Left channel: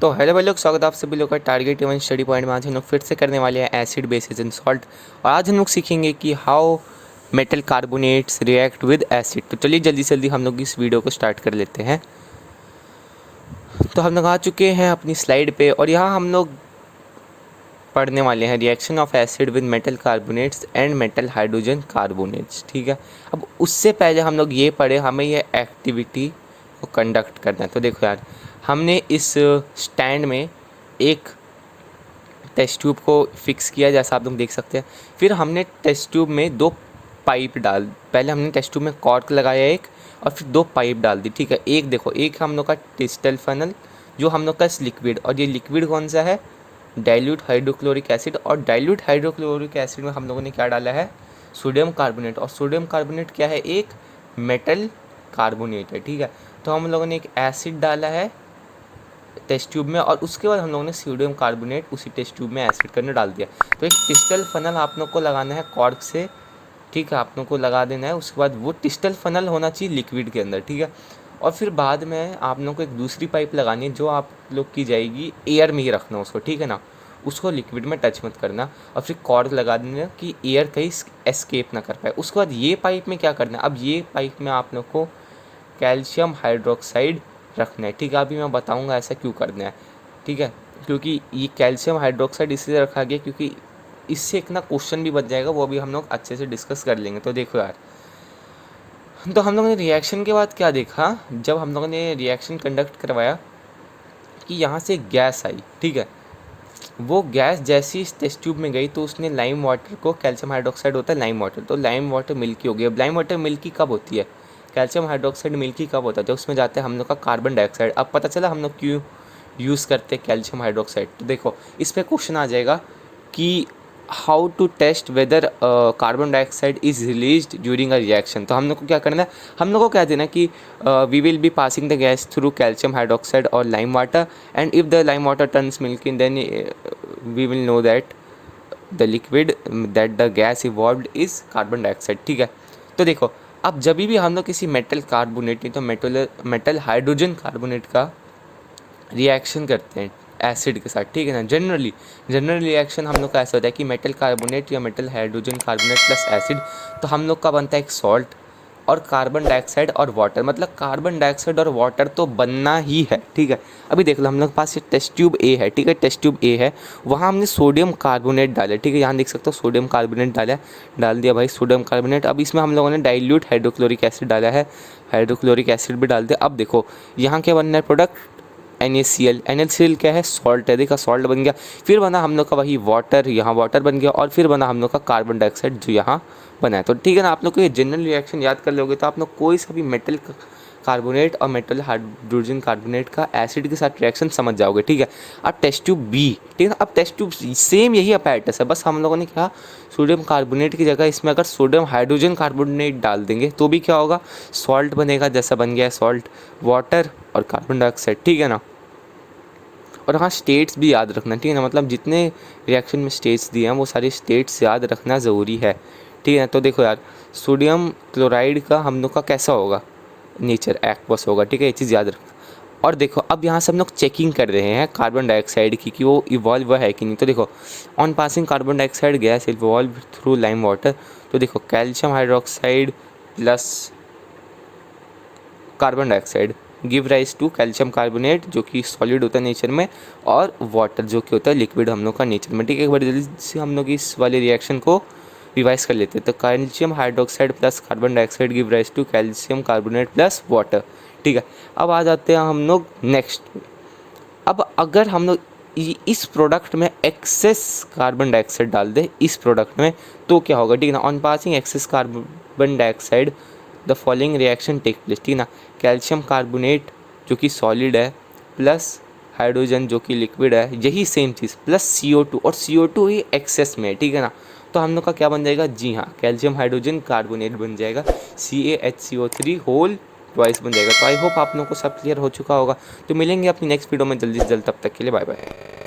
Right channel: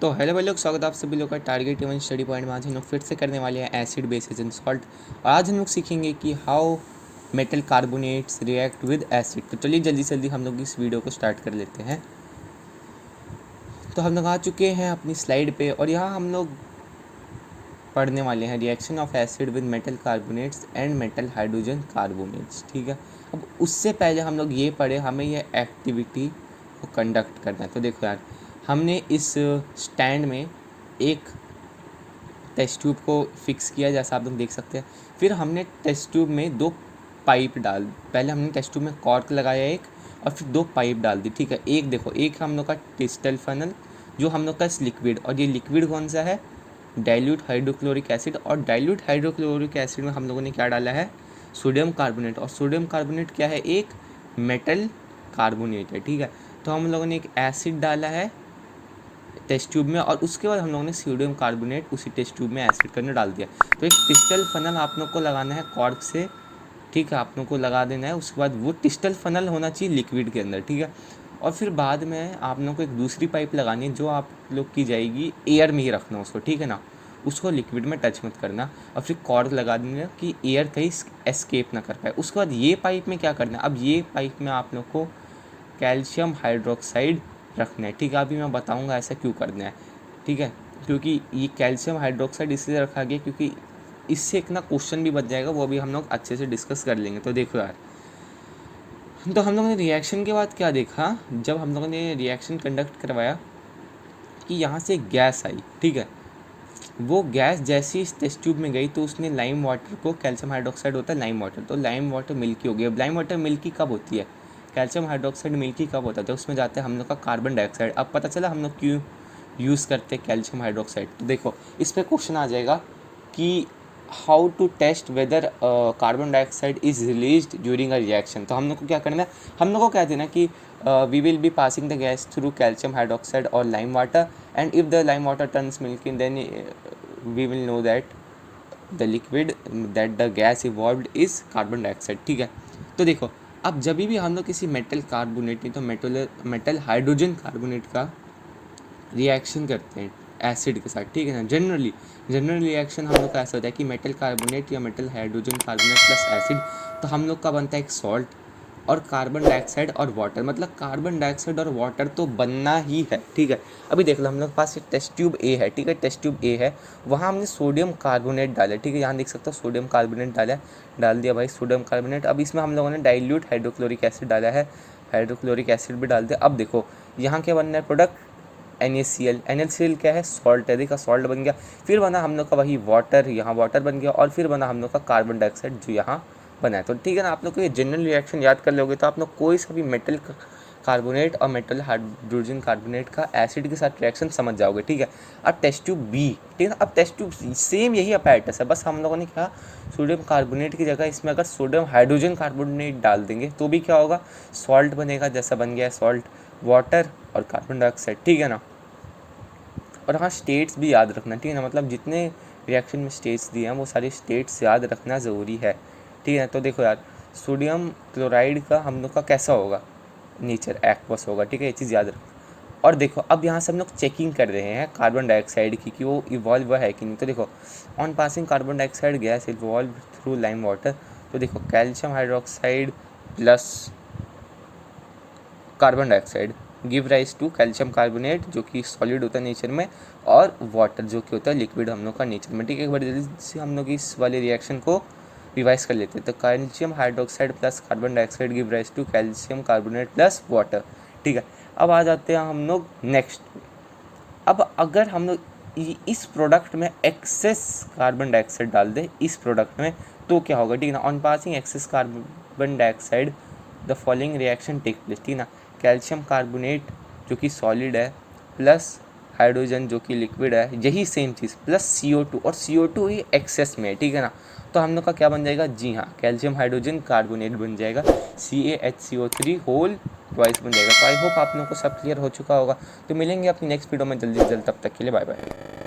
तो हेलो भाई लोग, स्वागत है आप सभी लोग का टारगेट इवन स्टडी पॉइंट में। आज हम लोग फिर से करने वाले हैं एसिड बेसिस एंड सॉल्ट। और आज हम लोग सीखेंगे कि how metal carbonates react with acid. तो चलिए जल्दी से जल्दी हम लोग इस वीडियो को स्टार्ट कर लेते हैं। तो हम लोग आ चुके हैं अपनी स्लाइड पे और यहाँ हम लोग पढ़ने वाले हैं reaction of acid with metal carbonates and metal hydrogen carbonates. ठीक है, अब उससे पहले हम लोग ये पढ़े हमें ये एक्टिविटी को कंडक्ट करना है। तो देखो यार, हमने इस स्टैंड में एक टेस्ट ट्यूब को फिक्स किया जैसा आप लोग देख सकते हैं। फिर हमने टेस्ट ट्यूब में दो पाइप पहले हमने टेस्ट ट्यूब में कॉर्क लगाया एक, और फिर दो पाइप डाल दी। ठीक है, एक देखो, एक हम लोग का टिस्टल फनल जो हम लोग का लिक्विड, और ये लिक्विड कौन सा है, डाइल्यूट हाइड्रोक्लोरिक एसिड। और डाइल्यूट हाइड्रोक्लोरिक एसिड में हम लोगों ने क्या डाला है, सोडियम कार्बोनेट। और सोडियम कार्बोनेट क्या है, एक मेटल कार्बोनेट है। ठीक है, तो हम लोगों ने एक एसिड डाला है टेस्ट ट्यूब में, और उसके बाद हम लोगों ने सोडियम कार्बोनेट उसी टेस्ट ट्यूब में एसिड करने डाल दिया। तो एक टिस्टल फनल आप लोग को लगाना है कॉर्क से। ठीक है, आप लोग को लगा देना है। उसके बाद वो टिस्टल फनल होना चाहिए लिक्विड के अंदर। ठीक है, और फिर बाद में आप लोग को एक दूसरी पाइप लगानी है जो आप लोग की जाएगी एयर में ही रखना उसको। ठीक है ना, उसको लिक्विड में टच मत करना। और फिर कॉर्क लगा देना कि एयर कहीं एस्केप ना कर पाए। उसके बाद ये पाइप में क्या करना है, अब ये पाइप में आप लोग को कैल्शियम हाइड्रोक्साइड रखना है। ठीक है, अभी मैं बताऊंगा ऐसा क्यों करना है। ठीक है, क्योंकि ये कैल्शियम हाइड्रोक्साइड इसलिए रखा गया क्योंकि इससे एक ना क्वेश्चन भी बच जाएगा, वो भी हम लोग अच्छे से डिस्कस कर लेंगे। तो देखो यार, तो हम लोगों ने रिएक्शन के बाद क्या देखा, जब हम लोगों ने रिएक्शन कंडक्ट करवाया कि यहाँ से गैस आई। ठीक है, वो गैस जैसी इस टेस्ट ट्यूब में गई तो उसने लाइम वाटर को, कैल्शियम हाइड्रोक्साइड होता है लाइम वाटर, तो लाइम वाटर मिल्की हो गई। अब लाइम वाटर मिल्की कब होती है, कैल्शियम हाइड्रोक्साइड मिल्की कब होता है, जब उसमें जाते हैं हम लोग का कार्बन डाइऑक्साइड। अब पता चला हम लोग क्यों यूज़ करते हैं कैल्शियम हाइड्रोक्साइड। तो देखो, इस पर क्वेश्चन आ जाएगा कि how to test whether carbon dioxide is released during a reaction. तो हम लोग को क्या करना है, हम लोग को क्या देना कि we will be passing the gas through calcium hydroxide और lime water, and if the lime water turns milky then we will know that the liquid that the gas evolved is carbon dioxide. ठीक है, तो देखो, अब जब भी हम लोग किसी मेटल कार्बोनेट नहीं तो मेटल हाइड्रोजन कार्बोनेट का रिएक्शन करते हैं एसिड के साथ, ठीक है ना, जनरल रिएक्शन हम लोग का ऐसा होता है कि मेटल कार्बोनेट या metal hydrogen carbonate plus acid, तो हम लोग का बनता है एक सॉल्ट और कार्बन डाइऑक्साइड और वाटर। मतलब कार्बन डाइऑक्साइड और वाटर तो बनना ही है। ठीक है, अभी देख लो, हम लोग के पास ये टेस्ट ट्यूब ए है। ठीक है, टेस्ट ट्यूब ए है, वहाँ हमने सोडियम कार्बोनेट डाला। ठीक है, यहाँ देख सकते हो सोडियम कार्बोनेट डाल दिया भाई सोडियम कार्बोनेट। अब इसमें हम लोगों ने डाइल्यूट हाइड्रोक्लोरिक एसिड डाला है, हाइड्रोक्लोरिक एसिड भी डाल दिया। अब देखो यहाँ क्या बनना है प्रोडक्ट, NaCl क्या है, सॉल्ट है। देखा, सॉल्ट बन गया। फिर बना हम लोग का वही वाटर, यहाँ वाटर बन गया, और फिर बना हम लोग का कार्बन डाइऑक्साइड जो यहाँ बना है। तो ठीक है ना, आप लोग को ये जनरल रिएक्शन याद कर लोगे तो आप लोग कोई सा भी मेटल कार्बोनेट और मेटल हाइड्रोजन कार्बोनेट का एसिड के साथ रिएक्शन समझ जाओगे। ठीक है, अब टेस्ट ट्यूब बी, ठीक है ना, अब टेस्ट ट्यूब सेम यही अपैरेटस है, बस हम लोगों ने क्या, सोडियम कार्बोनेट की जगह इसमें अगर सोडियम हाइड्रोजन कार्बोनेट डाल देंगे तो भी क्या होगा, सॉल्ट बनेगा, जैसा बन गया है सॉल्ट, वाटर और कार्बन डाइऑक्साइड। ठीक है ना, और हाँ, स्टेट्स भी याद रखना। ठीक है ना, मतलब जितने रिएक्शन में स्टेट्स दिए हैं वो सारे स्टेट्स याद रखना ज़रूरी है। ठीक है ना, तो देखो यार, सोडियम क्लोराइड का हम लोग का कैसा होगा, नेचर एक्वस होगा। ठीक है, ये चीज़ याद रखना। और देखो, अब यहाँ से हम लोग चेकिंग कर रहे हैं कार्बन डाइऑक्साइड की कि वो इवॉल्व है कि नहीं। तो देखो, on passing carbon dioxide gas evolve through lime water. तो देखो, calcium hydroxide plus carbon dioxide give rise to calcium carbonate जो कि सॉलिड होता है नेचर में, और वाटर जो कि होता है लिक्विड हम लोग का नेचर में। ठीक है, एक बार जल्दी से हम लोग इस वाले रिएक्शन को रिवाइज कर लेते हैं। तो calcium hydroxide plus carbon dioxide give rise to calcium carbonate plus water. ठीक है, अब आ जाते हैं हम लोग नेक्स्ट। अब अगर हम लोग इस प्रोडक्ट में एक्सेस कार्बन डाइऑक्साइड डाल दे इस प्रोडक्ट में, तो क्या होगा, ठीक है ना, on passing excess carbon dioxide the following reaction take place. ठीक है ना, कैल्शियम कार्बोनेट जो कि सॉलिड है प्लस हाइड्रोजन जो कि लिक्विड है, यही सेम चीज़ प्लस CO2, और CO2 ही एक्सेस में है। ठीक है ना, तो हम लोग का क्या बन जाएगा, जी हाँ, कैल्शियम हाइड्रोजन कार्बोनेट बन जाएगा, CaHCO3 होल ट्वाइस बन जाएगा। तो आई होप आप लोगों को सब क्लियर हो चुका होगा। तो मिलेंगे अपनी नेक्स्ट वीडियो में जल्दी से जल्द, तब तक के लिए बाय बाय।